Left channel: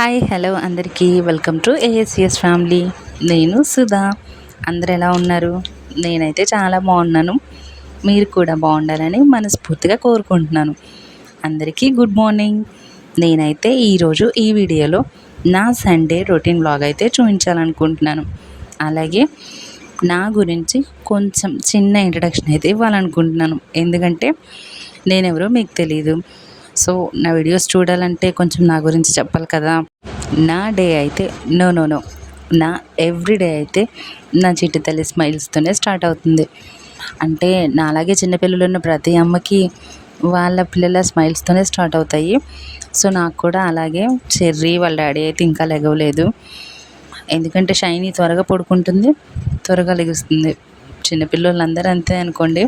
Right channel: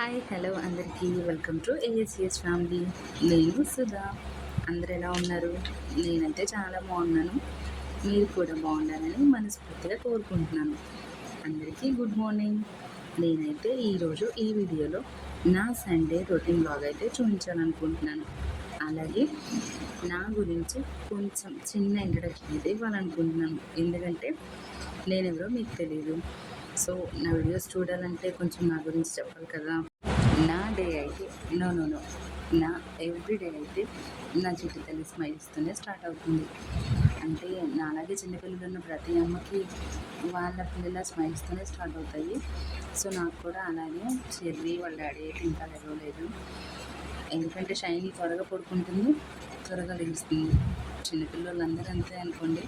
Hi hello అందరికీ welcome to ASS family. నేను సుధా. అందరు ఎలా ఉన్నారు? నేనైతే చాలా బాగున్నాను. మీరు కూడా బాగుండాలని మనస్ఫూర్తిగా కోరుకుంటున్నాను. అందరికీ గుడ్ మార్నింగ్. నేనైతే ఈరోజు ఈ వీడియోలో నా సండే రొటీన్ బ్లాగ్ అయితే చూపించాలనుకుంటున్నాను. అలాగే నా గురించి కొంచెం చిన్న ఇంట్రడక్షన్ అయితే ఇవ్వాలనుకుంటున్నాను. ఎందుకంటే నేనెవరో మీకు తెలీదు. సో నా వీడియోస్ చూడాలంటే కొంచెం నా గురించి చెప్పాలి కదా. నా డే అయితే నో నా ఎవ్రీడే అయితే నా చిట్టి తల్లి స్మైల్స్తోనే స్టార్ట్ అవుతుంది. అంటే నా అలాగే చిన్నపిల్లలు ఉన్న ప్రతి అమ్మకి వాళ్ళ పిల్లల స్మైల్స్తోనే స్టార్ట్ అవుతాయి. సో నాకు కూడా అలాగే చెర్రీ వాళ్ళ డాడీ అయితే ఇంకా లెగవలేదు. ఎందుకంటే షైనీ త్వరగా పడుకుంటుంది, త్వరగా లెగుస్తుంది. చిన్నపిల్లలందరూ అంతే అనుకోండి.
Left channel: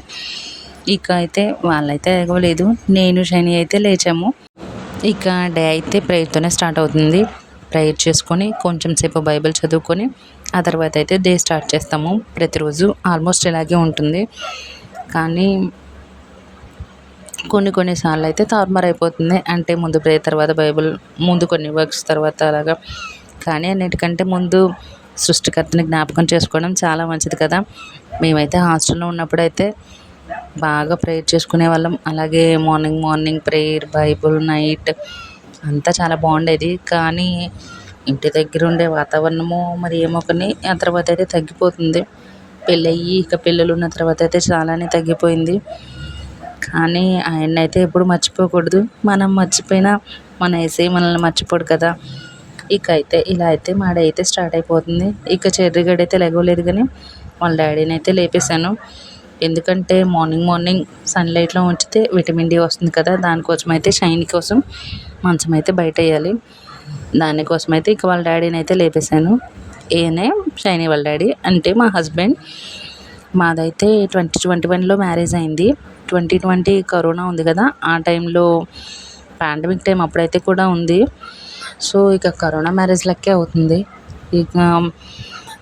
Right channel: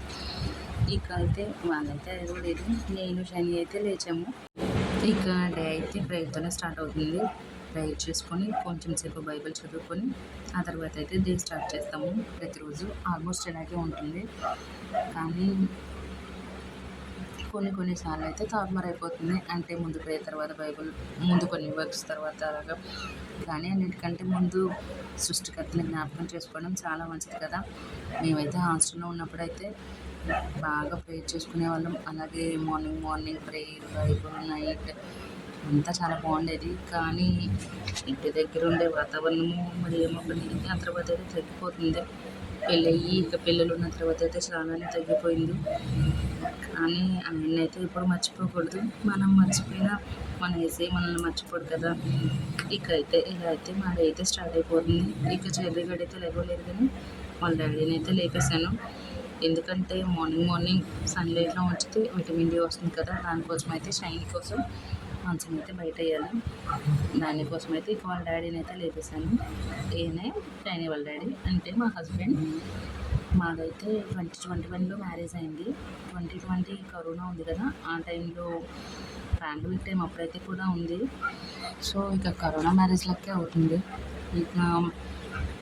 ఇక అయితే వాళ్ళైతే ఎగవలేదు, నేను షైనీ అయితే లేచాము. ఇక డే అయితే ప్రేయర్తోనే స్టార్ట్ అవుతుంది. ప్రేయర్ చేసుకొని కొంచెం సేపు బైబిల్ చదువుకొని ఆ తర్వాత అయితే డే స్టార్ట్ చేస్తాము. ప్రతిరోజు ఆల్మోస్ట్ ఇలాగే ఉంటుంది. కానీ కొన్నిసార్లు అయితే తారుమారు అయిపోతుంది. అంటే ముందు ప్రేయర్, తర్వాత బైబిల్, ముందు కొన్ని వర్క్స్, తర్వాత అలాగా. కానీ అన్నిటికంటే ముందు సృష్టికర్తని జ్ఞాపకం చేసుకోవడం చాలా మంచిది కదా. మేమైతే హాస్టల్లో ఉన్నప్పుడైతే బాగా ప్రేయర్ చేసుకునే వాళ్ళం. అలాగే మార్నింగ్ ప్రేయర్, బైబుల్, నైట్ అంతా చాలా బాగుండేది. కానీ ఇంటి దగ్గర ఉండే వాతావరణము మరి ఏమో కానీ ఆ తర్వాత అయితే తగ్గిపోతుంది. పెళ్ళయ్యి ఇక పిల్లలు ఉన్న తర్వాత అయితే చాలానే తగ్గిపోయింది. కానీ ఆయన అయితే ఎప్పుడు మర్చిపోకూడదు. మనం మర్చిపోయినా మన యేసయ్య మనల్ని మర్చిపోడు కదా. ఇక అయితే ఇలా అయితే మా డే అయితే స్టార్ట్ అయిపోతుంది. ఇక చెర్రిగడ్డ అయితే లెగవలేదు, కానీ వాళ్ళ డాడీని అయితే లేపేశాను. ఎందుకంటే మార్నింగ్ సన్లైట్లో ఉంచితే విటమిన్ డి వస్తుంది కదా. దానికోసం అయితే షైనీ కోసం మంచం అయితే బయట వేయాలి. దానికోసం అయితే ఇక వాళ్ళ డాడీని అయితే లేపేశాను. ఈయనే షైనీ వాళ్ళ డాడీ, అంటే మా హస్బెండ్. మాదైతే 2021లో మ్యారేజ్ అయింది. 2020 కరోనా ఉంది కదా, ఆ టైంలో పాండమిక్ టైం అప్పుడైతే కూడా ఉంది. సో ఇక కరోనా మ్యారేజ్ లెక్కే అవుతుంది. ఇక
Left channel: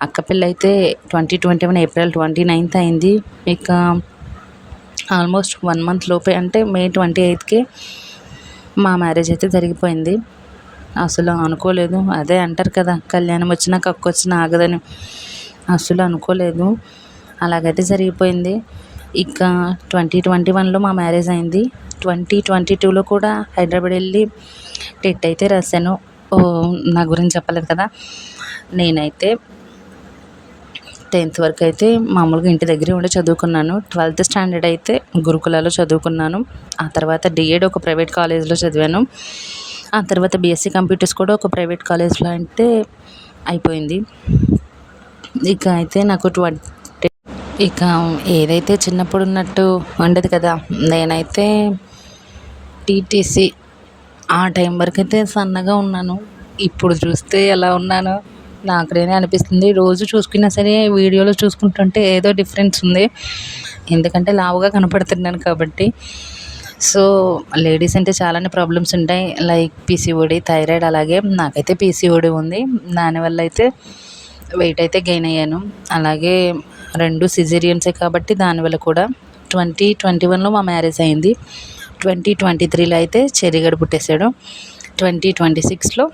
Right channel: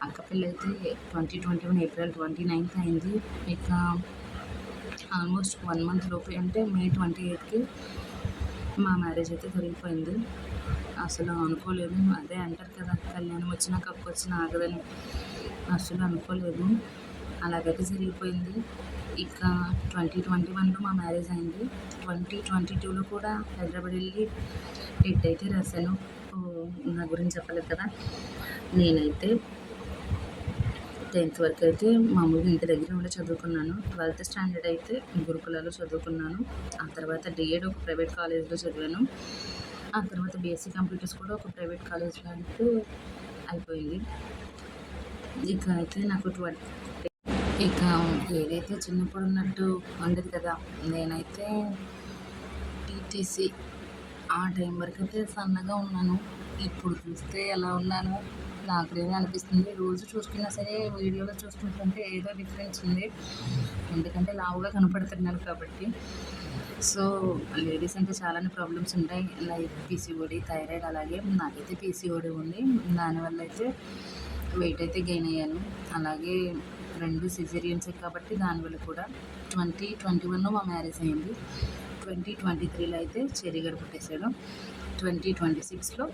అక్క పెళ్ళి అయితే 2021 ఏప్రిల్ 29th అయింది. ఇక ఆల్మోస్ట్ 1 month లోపే, అంటే మే 28కి మా మ్యారేజ్ అయితే జరిగిపోయింది. అసలు అనుకోలేదు. అదే అంటారు కదా, కళ్యాణం వచ్చినా కక్కు వచ్చినా ఆగదని. అసలు అనుకోలేదు, అలాగైతే జరిగిపోయింది. ఇక 2021లో మా మ్యారేజ్ అయింది. 2022లో కూడా హైదరాబాద్ వెళ్ళి టెట్ అయితే రాశాను. నా గురించి చెప్పలేదు కదా. నేనైతే 10th వరకు అయితే మామూలుగా ఇంటి దగ్గరే ఉండి చదువుకున్నాను. 12th స్టాండర్డ్ అయితే గురుకులాలో చదువుకున్నాను. ఆ తర్వాత డిఎడ్ ఒక ప్రైవేట్ కాలేజ్లో చదివాను. ఆ తర్వాత బీఎస్సీ కంప్యూటర్స్ కూడా ఒక ప్రైవేట్ కాలేజ్లో అంటే అయిపోయింది. ఇక అయితే నాకు ఇక ఏదైతే చిన్నప్పుడు ఉన్నట్టు ఉండదు కదా. నేనైతే టీటీసీ ఆ టైం వరకు అయితే సన్నగా ఉన్నాను. ఇప్పుడు చూస్తే ఎలా ఉన్నానో నాకు నేనే అనిపిస్తుంది. రోజు చూసుకున్నా సరే వీడియోలో చూసుకుంటుంటే ఏదో డిఫరెన్స్ ఉంది. ఎందుకంటే లావుగా కనపడుతున్నాను కాబట్టి. సో లేడీస్ అంటే చాలానే ప్రాబ్లమ్స్ ఉంటాయి, లైక్ పీసీఓడి, థైరాయిడ్. అలాగే నాకైతే పీసీఓడి ఉంది. దానివల్ల అయితే వెయిట్ అయితే గెయిన్ అయ్యాను. అలాగే 2 సిజేరియన్సే కాబట్టి దానివల్ల కూడా. 2021లో మా మ్యారేజ్ అయింది. 2023లో అయితే చెర్రిగడ పుట్టేశాడు. 2026లో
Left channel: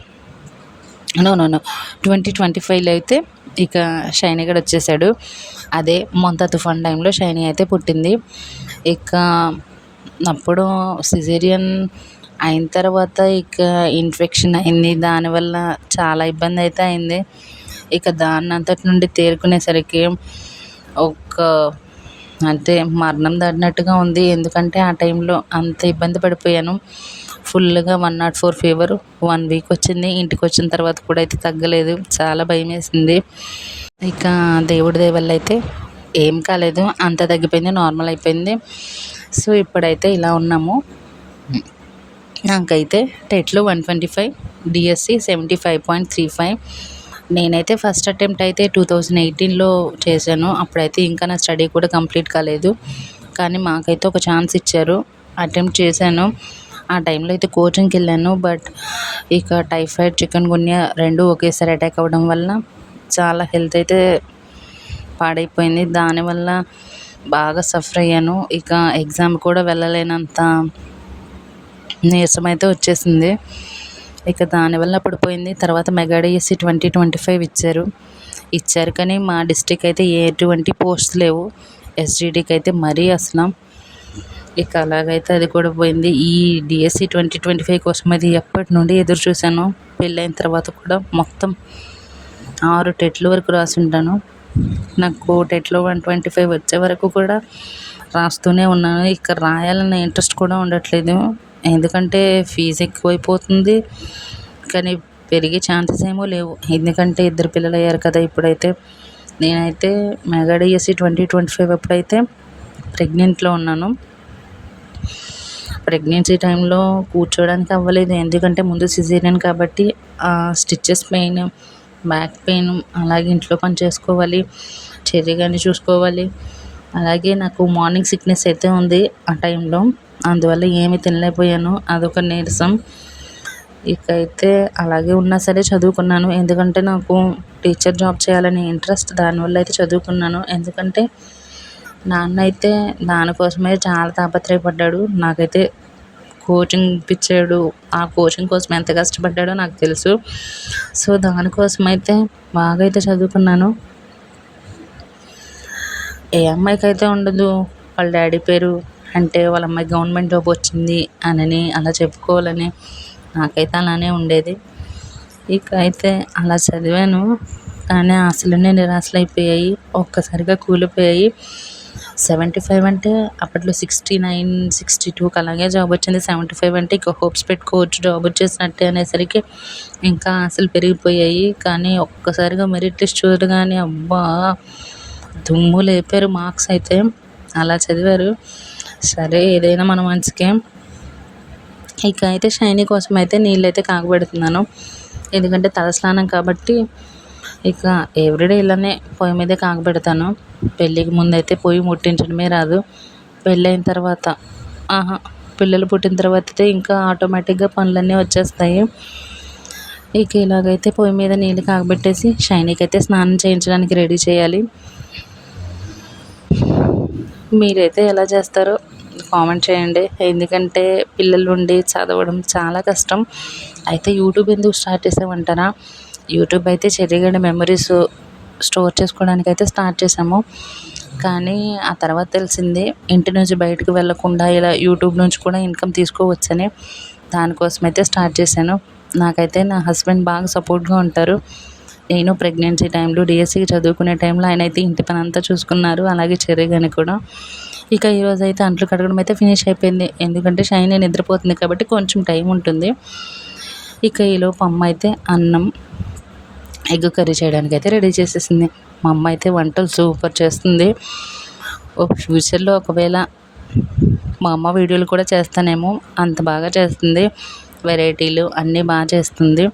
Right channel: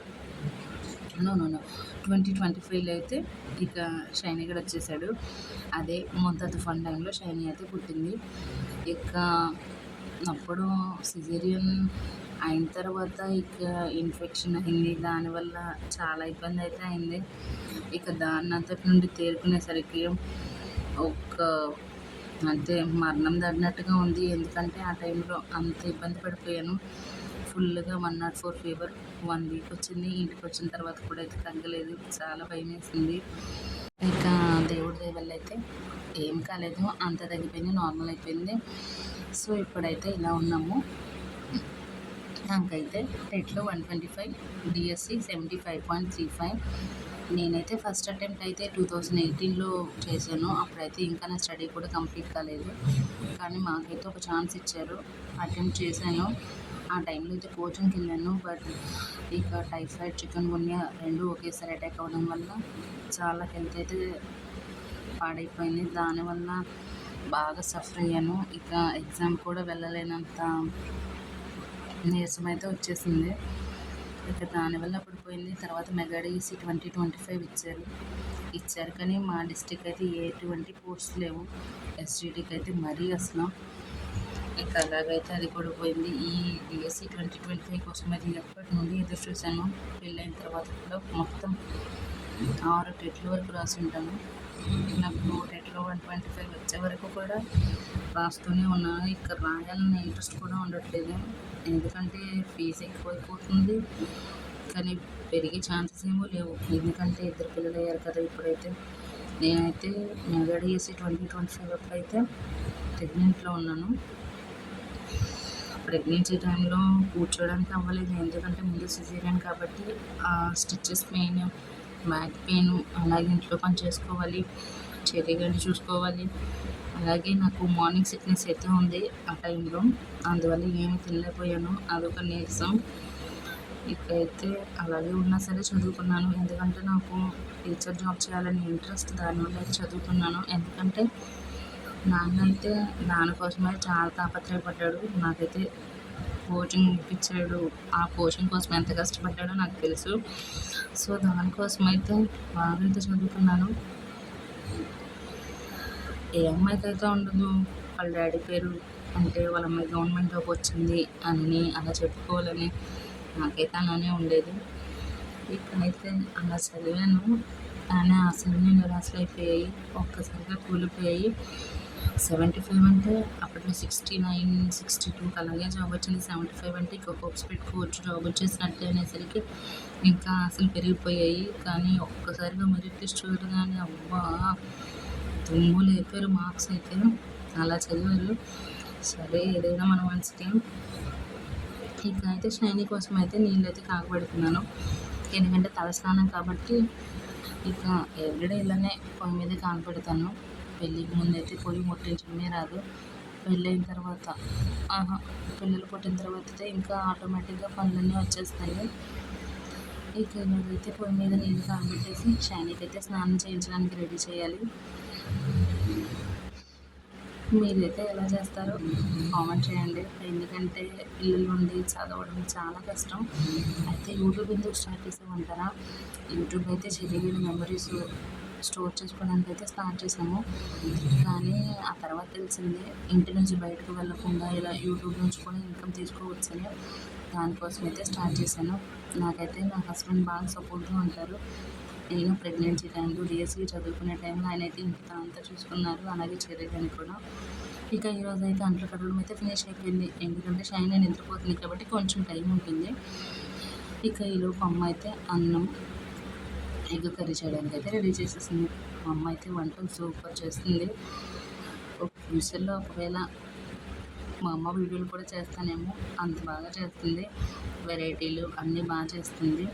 2025లో అయితే ఇక షైనీ గడ వచ్చేసాడు. అదే మొంత తుఫాన్ టైంలో షైనీ అయితే పుట్టింది. ఇక అప్పుడు సిజేరియన్ అయిన తర్వాత ఇక ఇన్ఫెక్షన్ అయింది. దానివల్ల చాలా ఇబ్బంది అయితే అయింది. ఇక దాన్ని అంతటి నుండి తేరుకునేసరికి అంటే మరణం దాటినట్టుగా ఉంది. ఎందుకంటే ఆ టైంలో అంత ఇబ్బంది పడిపోయాను. ఫుల్గా 104 ఫీవర్ 1 వీక్ వచ్చింది. ఇంటికి వచ్చిన తర్వాత కూడా అయితే తగ్గలేదు. చాలా భయం వేసింది. ఇక దేవుడి దయ వల్ల అయితే ఏం కాలేదు, అంత తగ్గిపోయింది, నార్మల్ అయిపోయింది. సో ఇప్పుడైతే ఇలా ఉన్నాము. నాకైతే టెట్లో 125, డిఎస్సి 75.35. నేనైతే ఫస్ట్ అటెంప్ట్ అయితే 2018లో చేశాను. అప్పుడైతే ఇంకా నా స్టడీ కూడా కంప్లీట్ కాలేదు. కానీ మాకైతే ఒక ఛాన్స్ ఇచ్చారు, అటెంప్ట్ చేశాను. ఆ టైంలో అయితే కోచింగ్కి వెళ్ళాను. బట్ ఇక టైఫాయిడ్, చికెన్ గున్యా 2 ఒకేసారి అటాక్ అవ్వడం వల్ల చాలా హెల్త్ అయితే పాడైపోయింది. దానివల్ల బాగా సఫర్ అయ్యాను. ఇక ఎగ్జామ్ కూడా వెళ్ళలేనంత నీరసం అయితే వచ్చేసింది. ఇక దానివల్ల పడిపోయింది. తర్వాత మెగా డిఎస్సి 2025 ఇచ్చారు కానీ మా డిస్ట్రిక్ట్ అయితే ఎటువంటి పోస్ట్ లేవు. ఎస్జిటికి అయితే మరీ అసలు ఇక అలాగైతే అది కూడా పోయింది. ఈ డిఎస్సి 2025 కోసం అది ఎప్పటి నుండి ఎదురు చూశాను. పెళ్ళైన తర్వాత కూడా మొత్తం 6 టెట్ల వరకు రాసి ఉంటాను. నాకు టెట్లో 125 వచ్చే వరకు కూడా రాస్తూనే ఉన్నాను. ఇక రాయాలన్న ఇంట్రెస్ట్ కూడా ఉండట్లేదు. ఎందుకంటే ఫీజు ఎక్కువైపోతుంది కానీ పెరిగే ఛాన్సెస్ ఏమో లేవు. ఎందుకంటే 2 పిల్లలు అయ్యారు కదా ఇప్పుడైతే. నేనైతే మెగా డిఎస్సి 2025 అప్పుడైతే ప్రెగ్నెంట్లో ఉన్నాను. ప్రెగ్నెన్సీ టైంలో కూర్చోడానికి అవ్వలేదు. ఎందుకంటే ముందు సిజేరియన్ కాబట్టి స్టిచెస్ పెయిన్, బ్యాక్ పెయిన్, అలాగే ఇంట్లో పని చేసుకోవాలి, చెర్రీ గారిని చూసుకోవాలి. అలాగే నాకు మార్నింగ్ సిక్నెస్ అయితే ఉంది ఆ టైంలో. అందువల్ల ఏమీ తినలేకపోయాను. అదొక నీరసం. ఇక అయితే అలాగే ఉన్నా సరే చదువుకున్నాను. ఎందుకంటే నాకు టీచర్ జాబ్ చేయాలని ఇంట్రెస్ట్. దానివల్ల అయితే చదువుకున్నాను. ఎందుకంటే నాన్న అయితే దానికోసమే చాలా తాపత్రయపడ్డాడు. నాకైతే కోచింగ్ ఇప్పించాడు. ఆ కోచింగ్ కోసం ఎంత కష్టపడ్డాడో నాకు తెలుసు. సో దానికోసం అయితే బాగా అయితే చదువుకున్నాను. ఏ అమ్మాయికైతే ఉండదు వాళ్ళ డాడీ పేరు అంటే వాళ్ళ అమ్మాయి గవర్నమెంట్ జాబ్ వచ్చింది అని అలా చెప్పుకోవాలని. నాకైతే అలానే ఉండేది. ఇక అయితే అలా చదివాను కానీ ఆశలన్నీ నిరాశలైపోయాయి. ఒక్కసారిగా కూలిపోయాయి. 75 అంటే అప్పట్లో 69, 62కి అలాగే జాబ్ వచ్చింది. 75 అంటే ఇక హోప్స్ పెట్టుకోవచ్చు జాబ్ వచ్చేసినట్టే అనేసరికి ఇంకా ఆశలు పెరిగిపోయాయి. కానీ ఒక్కసారిగా మెరిట్ లిస్ట్ చూడగానే అబ్బా దుమ్ము లేపారు మార్క్స్ అయితే. అలా చదివారు. సరే ఏదైనా మన మంచికే. ఇక అయితే షైనీ కోసం అయితే నీళ్ళైతే కాగబెడుతున్నాను. ఎందుకంటే తలస్నానం కాబట్టి ఇక ఎవ్రీడే ఇలానే పొయ్యి మీదే కాగబెడతాను. పెళ్ళికి ముందైతే పొయ్యి ముట్టించడమే రాదు. పెళ్ళైన తర్వాత పిల్లలు పుట్టిన తర్వాత అయితే ఇంకా ఆటోమేటిక్గా పనులన్నీ వచ్చేస్తాయి. ఇక ఇలాగైతే పొయ్యి మీద నీళ్ళు కాగబెట్టేసి షైనీకి అయితే స్నానం చేయించడానికి రెడీ చేయాలి. మీరైతే ఎలా చేస్తారో కామెంట్ చేయండి. ఎందుకంటే పిల్లలు ఉండి చదవడం చాలా కష్టం. అయితే యూట్యూబ్ ఎందుకు స్టార్ట్ చేసామంటారా? యూట్యూబ్ అయితే చెర్రీగడ మెమరీస్ స్టోర్ చేసుకోవడానికి అయితే స్టార్ట్ చేసాము. కానీ ఆ తర్వాత తెలిసింది ఇంటి నుంచి బయటకు వెళ్ళకుండా ఇలా యూట్యూబ్ నుంచి కూడా ఇన్కమ్ తీసుకోవచ్చని. దానికోసం అయితే స్టార్ట్ చేశాను. నాకైతే నా హస్బెండ్ బాగా సపోర్ట్గా ఉంటారు. నేను ప్రెగ్నెన్సీ టైంలో డిఎస్సికి చదువుకునే టైంలో ఆయన అయితే ఇంటి పని అంతా చూసుకున్నారు. అలాగే చెర్రీ గాని కూడా. ఇక ఈరోజు అయితే అంట్లు కడగడం అయితే ఫినిష్ అయిపోయింది. ఎందుకంటే షైనీ నిద్రపోతుంది కాబట్టి కొంచెం టైం ఉంటుంది. ఇక ఈలోపు అమ్మ అయితే అన్నం, ఎగ్ కర్రీ చేయడానికి అయితే రెడీ చేసేసింది. మా అమ్మ అయితే వంటలు సూపర్ చేస్తుంది. ఫ్యూచర్లో ఒకవేళ మా అమ్మ వీడియోలు కూడా చేస్తానేమో, అంత బాగా చేస్తుంది. వెరైటీలు అన్నీ బాగా చేస్తుంది.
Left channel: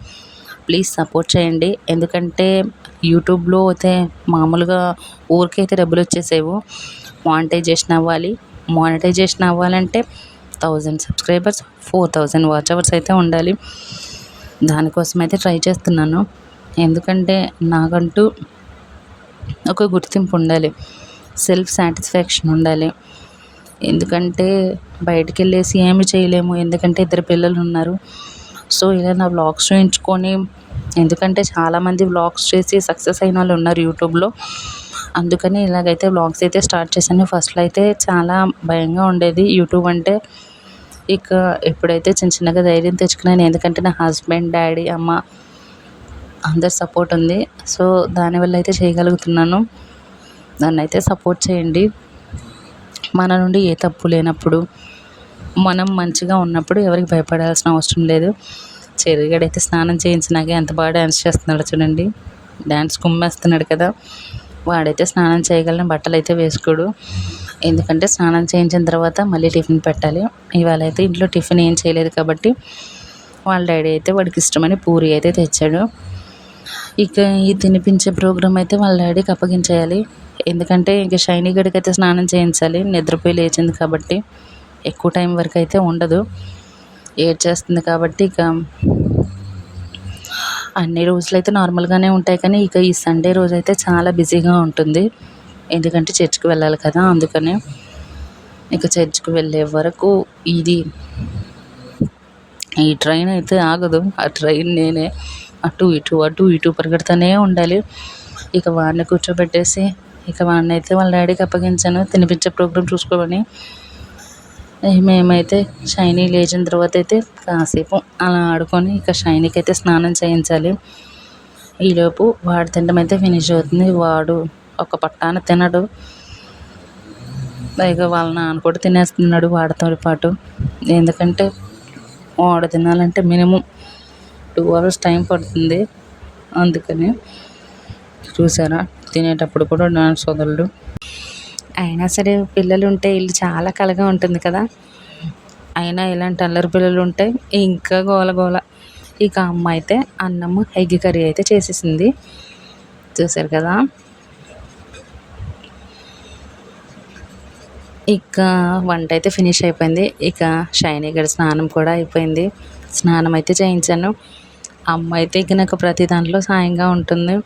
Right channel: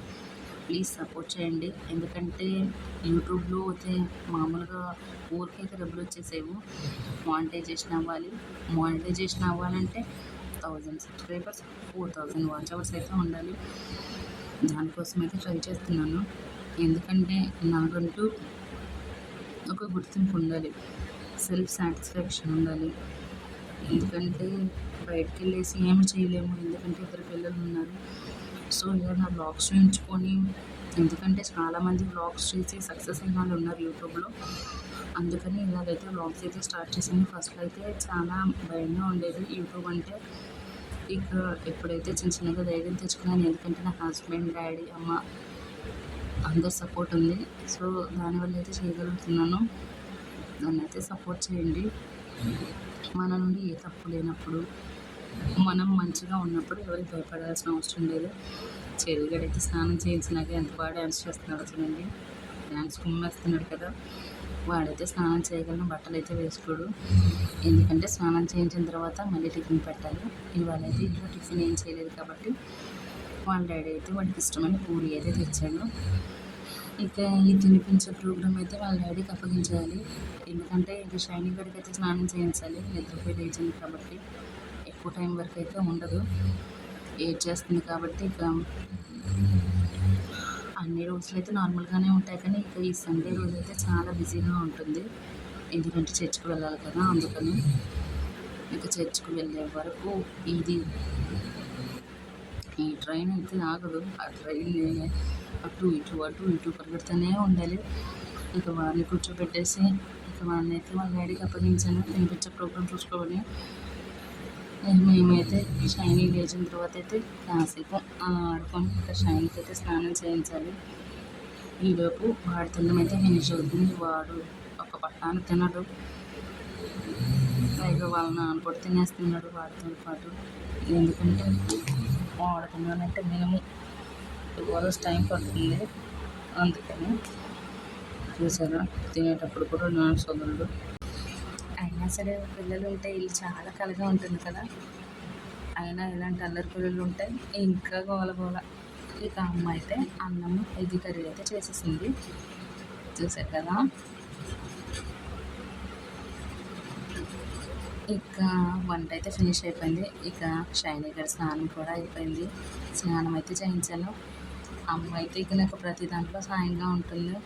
ప్లీజ్ సపోర్ట్ చేయండి. ఎందుకంటే యూట్యూబ్లో అయితే మామూలుగా ఊరికైతే డబ్బులు వచ్చేసేవు. మానిటైజేషన్ అవ్వాలంటే 1000 సబ్స్క్రైబర్స్, 4000 వాచ్ అవర్స్ అయితే ఉండాలి. దానికోసం అయితే ట్రై చేస్తున్నాను. ఎందుకంటే నాకంటూ ఒక గుర్తింపు ఉండాలి, సెల్ఫ్ సాటిస్ఫాక్షన్ ఉండాలి. ఎందుకంటే బయటికి వెళ్ళేసి ఏమి చేయలేము. ఎందుకంటే 2 పిల్లలు ఉన్నారు. సో ఇలా నా వ్లాగ్స్ చూయించుకొని, ఎందుకంటే చాలామంది వ్లాగ్స్ చేసి సక్సెస్ అయిన వాళ్ళు ఉన్నారు యూట్యూబ్లో. అందుకని ఇలాగైతే వ్లాగ్స్ అయితే స్టార్ట్ చేశాను. ఫస్ట్లో అయితే చాలా భయంగా ఉండేది యూట్యూబ్ అంటే. ఇక ఎప్పుడైతే చిన్న చిన్నగా ధైర్యం తెచ్చుకున్నాను. ఎందుకంటే నా హస్బెండ్, డాడీ, అమ్మ అందరి సపోర్ట్ ఉంది. సో దానివల్ల అయితే చేయగలుగుతున్నాను. నన్నైతే సపోర్ట్ చేయండి. మన నుండి ఏ తప్పు లేనప్పుడు, మనం మంచిగా ఉన్నప్పుడు ఎవరికి భయపడాల్సిన అవసరం లేదు. చెర్రీగడైతే స్నానం చేయించినాకే ఎంత బాగా డ్యాన్స్ చేస్తున్నాడు చూడండి. డ్యాన్స్ కుమ్మేస్తున్నాడు కదా. వాడైతే స్నానం చేయగలని బట్టలు అయితే వేసుకోడు. ఎందుకంటే స్నానం చేయించిన తర్వాత మళ్ళీ టిఫిన్ పెట్టాలి. ఇవాళ అయితే ఇంట్లో టిఫిన్ ఏం చేయలేదు కాబట్టి వాళ్ళ డాడీ అయితే వాడికి ఇష్టమని పూరి అయితే తెచ్చాడు. ఇక ఈ తినిపించే ప్రోగ్రామ్ అయితే వాళ్ళ డాడీకి అప్పగించేయాలి. ఎందుకంటే ఇంక షైనీ గడికి అయితే స్నానం చేయించాలి. నిద్రపోయి లేచింది కాబట్టి ఎక్కువ టైం వరకు అయితే ఉండదు. ఏడ్చేస్తుంది కాబట్టి ఇక అన్ని రోజులు అయితే నార్మల్గానే ఉంటాయి. కానీ ఇక ఈ సండే రోజు అయితే చాలా బిజీగా ఉంటుంది. ఎందుకంటే చర్చ్కి వెళ్ళాలి కదా. అందుకనే ఇక చర్చ్కి వెళ్ళే వరకు ఇది ఈ ట్రైన్ అయితే ఆగదు. ఆ ట్రైన్ నేనే అటు ఇటు అటు ఇటు పరిగెడుతూనే ఉండాలి. ఇక వాడిని కూర్చోబెట్టేసి ఇక వాడినైతే వాళ్ళ డాడీకి అప్పగించాను తినిపించే ప్రోగ్రాం చూసుకోమని. మేమైతే షైనీ లేచిన తర్వాత అయితే కాసేపు అలా ఆడుకొని ఇక షైనీకి అయితే స్నానం చేయించాలి. ఈలోపు వాడు తినడం అయితే ఫినిష్ అవుతుంది. వాడు ఒక పట్టాన తినడు, పైగా వాళ్ళ నాన్న కూడా తినేస్తున్నాడు వాడితో పాటు. ఎందుకంటే వాడు తినాలంటే మినిమం 2 hours టైం పడుతుంది. అందుకని చూసారా, తినేటప్పుడు కూడా నా సోదరుడు. అయినా సరే పిల్లలు ఉంటే ఇల్లు చాలా కళగా ఉంటుంది కదా. అయినా ఇలాంటి అల్లరి పిల్లలు ఉంటే ఇంకా గోల గోల. ఇక అమ్మ అయితే అన్నము ఎగ్ కర్రీ అయితే చేసేసింది. చూసారు కదా. ఇక వంట అయితే ఫినిష్ అయిపోయింది. ఇక షైనీ గడి స్నానం కూడా అయిపోయింది. స్నానం అయితే చేయించాను. అమ్మ అయితే ఇక నాకు ప్రతి దాంట్లో సాయంగా ఉంటుంది.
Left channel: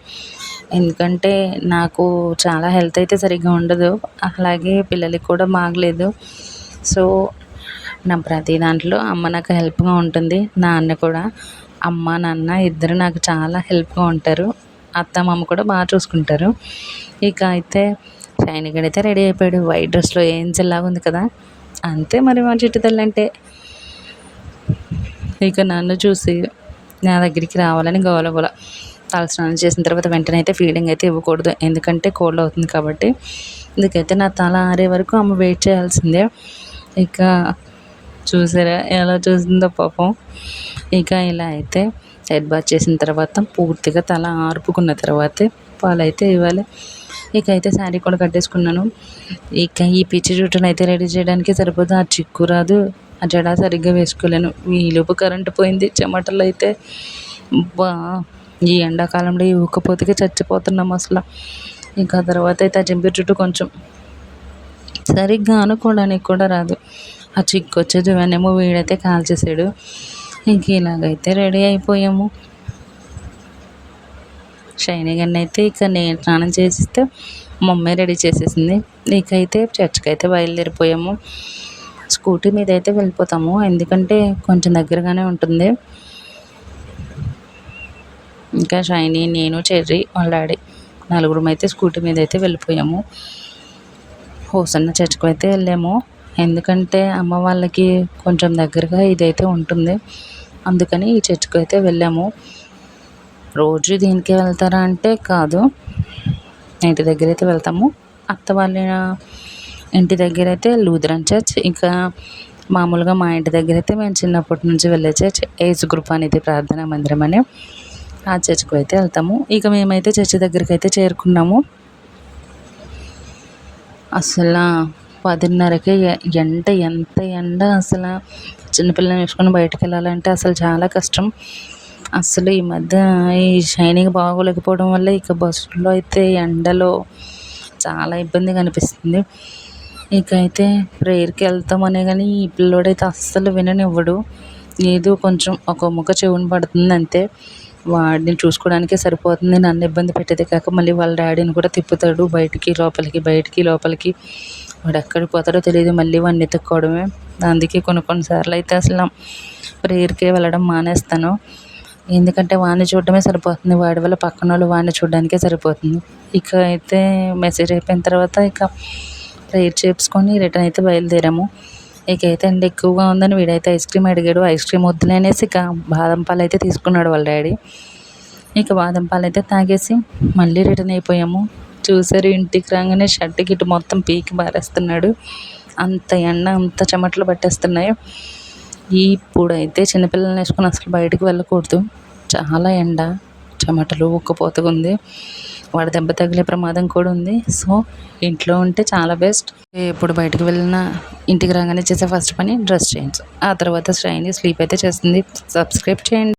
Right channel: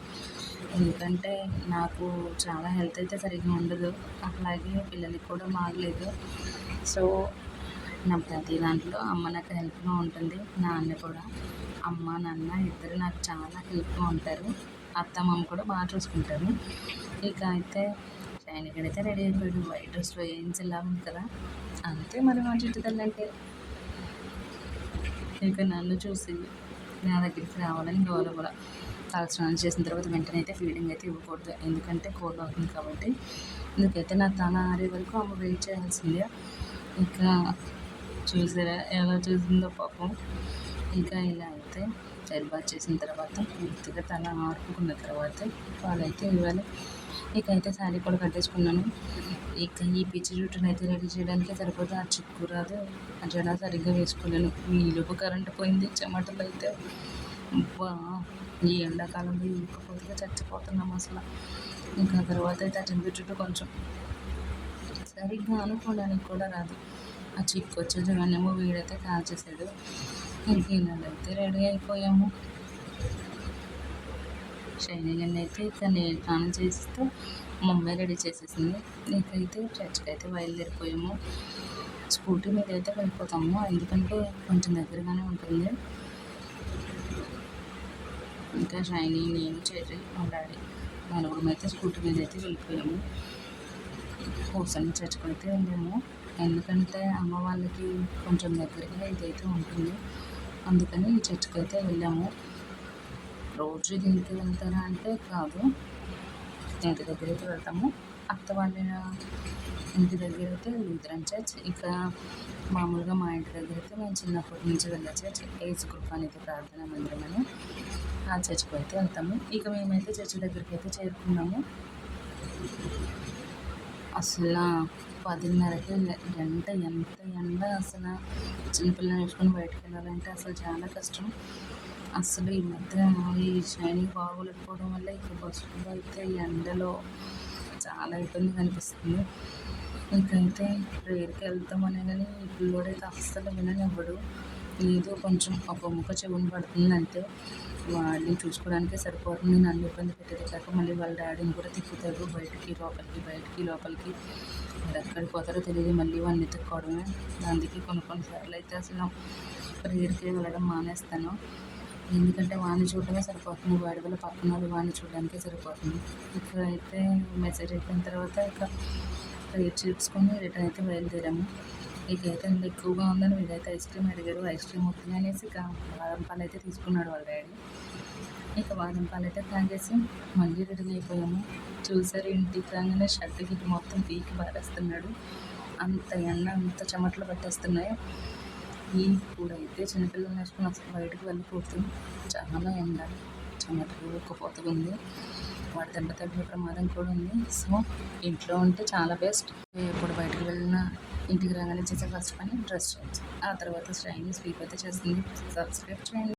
ఎందుకంటే నాకు చాలా హెల్త్ అయితే సరిగ్గా ఉండదు, అలాగే పిల్లలకి కూడా బాగలేదు. సో నా ప్రతి దాంట్లో అమ్మ నాకు హెల్ప్గా ఉంటుంది. నాన్న కూడా, అమ్మ నాన్న ఇద్దరు నాకు చాలా హెల్ప్గా ఉంటారు. అత్త మామ కూడా బాగా చూసుకుంటారు. ఇక అయితే షైనీ గడి అయితే రెడీ అయిపోయాడు. వైట్ డ్రెస్లో ఏంజల్లాగా ఉంది కదా. అంతే మరి మా చిట్టి తల్లి అంటే. ఇక నన్ను చూసి నా దగ్గరికి రావాలని గోల. తలస్నానం చేసిన తర్వాత వెంటనే అయితే ఫీడింగ్ అయితే ఇవ్వకూడదు, ఎందుకంటే కోల్డ్ అవుతుంది కాబట్టి. ఇందుకైతే నా తల ఆరే వరకు అమ్మ వెయిట్ చేయాల్సిందే. ఇక చూసారా ఎలా చూసిందో పాపం. ఇక ఇలా అయితే హెడ్ బాత్ చేసిన తర్వాత పూర్తిగా తల ఆర్పుకున్న తర్వాతే పాలైతే ఇవ్వాలి. ఇక అయితే శారీ కూడా కట్టేసుకున్నాను. ఇక ఈ పిచ్చి జుట్టును అయితే రెడీ చేయడానికి సరిపోదు. ఆ చిక్కు రాదు, ఆ జడ సరిగ్గా వేసుకోలేను. ఈలోపు కరెంటు పోయింది. చెమటలు అయితే బా ఈ ఎండాకాలంలో ఈ ఉక్కపోతకి చచ్చిపోతున్నాం అసలు. ఇంకా తర్వాత అయితే ఆ జంపి జుట్టు కొంచెం సరిగ్గా అనుకోవడానికి కూడా రాదు. ఆ చిక్కు వచ్చేది ఇవన్నేమో వీడైతే కాల్చేసాడు. ఇంక ఇలాగైతే రెడీ అయిపోయాము. షైనీ గన్ని అయితే ఇక నేను స్నానం చేసిస్తే మమ్మీ రెడీ చేసేసింది. ఇకైతే చర్చ్కి అయితే బయలుదేరిపోయాము. స్కూటీ మీద అయితే వెళ్ళిపోతాము, ఎందుకంటే కొంచెం దగ్గరగానే ఉంటుంది. ఇంకా షైనీ, నేను, చెర్రీ, వాళ్ళ డాడీ నలుగురం అయితే స్కూటీ మీద అయితే వెళ్ళిపోయాము. హోసన్న చర్చ్కి అయితే వెళ్ళాము, ఎందుకంటే అమ్మ వాళ్ళకి కొంచెం దగ్గరగా ఇదైతే ఉంటుంది. అందుకని ఈ చర్చ్కి అయితే వెళ్ళాము. రోజు దీనికే వెళ్తారా అంటే కాదు, ఇంటి దగ్గర అయితే వెళ్తాము. అత్త వాళ్ళ ఇంటి దగ్గర అయితే లూథరన్ చర్చ్, ఇంకా మామూలుగా మా ఇంటి దగ్గర అయితే మేము చిన్నప్పటి నుంచి వెళ్ళే చర్చ్ ఏజ్ గ్రూప్ అనేది ప్రార్థనా మందిరం అని, ఆ చర్చ్కి అయితే వెళ్తాము. ఇక మేమైతే చర్చ్ దగ్గరికి అయితే చేరుకున్నాము. అసలు 10:30కే ఎంత ఎండ అసలు. చిన్నపిల్లని వేసుకొని బయటకు వెళ్ళాలంటే అసలు చాలా కష్టం. అసలు ఈ మధ్య ఈ షైనింగ్ బాగోలేకపోవడం వల్ల ఇక బస్సులో అయితే ఎండలో చాలా ఇబ్బందిగా అనిపిస్తుంది. ఇక అయితే ప్రేయర్కి వెళ్తామనే కానీ ఈ పిల్లోడైతే అస్సలు విననివ్వడు. ఏదో కొంచెం ఒక ముక్క చెవుని పడుతుంది అంతే. వాడిని చూసుకోవడానికే సరిపోతుంది. నన్ను ఇబ్బంది పెట్టేదే కాక మళ్ళీ వాళ్ళ డాడీని కూడా తిప్పుతాడు బయటికి లోపలికి, బయటికి లోపలికి. వాడు ఎక్కడికి పోతాడో తెలియదు, మళ్ళీ వాడిని ఎత్తుక్కోవడమే. అందుకే కొన్నిసార్లు అయితే అసలు ప్రేయర్కి వెళ్ళడం మానేస్తాను. ఎందుకంటే వాడిని చూడడమే సరిపోతుంది, వాడి వల్ల పక్కన వాళ్ళు వాడిని చూడడానికే సరిపోతుంది. ఇక అయితే మెసేజ్ అయిపోయిన తర్వాత ఇక ప్రేయర్ చేసుకొని రిటర్న్ అయితే బయలుదేరాము. ఇక అయితే ఎండ ఎక్కువగా ఉందని వీడైతే ఐస్ క్రీమ్ అడిగాడు. ఐస్ క్రీమ్ వద్దులే అనేసి ఇక బాదం పాలు అయితే తీసుకున్నాడు వాళ్ళ డాడీ. ఇక బాదం పాలు అయితే తాగేసి మళ్ళీ రిటర్న్ అయిపోయాము. చూసారు, ఇంటికి రాగానే షర్ట్ గిట్టు మొత్తం పీకి బారేస్తున్నాడు. అంత ఎండ, అంత చెమటలు పట్టేస్తున్నాయి. ఇప్పుడైతే చిన్నపిల్లల్ని వేసుకొని అసలు బయటకు వెళ్ళకూడదు, చాలా ఎండ, చెమటలు, ఉక్కపోతగా ఉంది. వాడి దెబ్బ తగిలే ప్రమాదం కూడా ఉంది. సో ఇంట్లో ఉంటే చాలా బెస్ట్. ఎప్పుడు బయటకు వెళ్ళినా ఇంటికి రాగానే చేసే ఫస్ట్ పని డ్రెస్ చేంజ్, ఆ తర్వాత షైనీ స్లీప్ అయితే చేస్తుంది. సబ్స్క్రైబ్ చేయండి.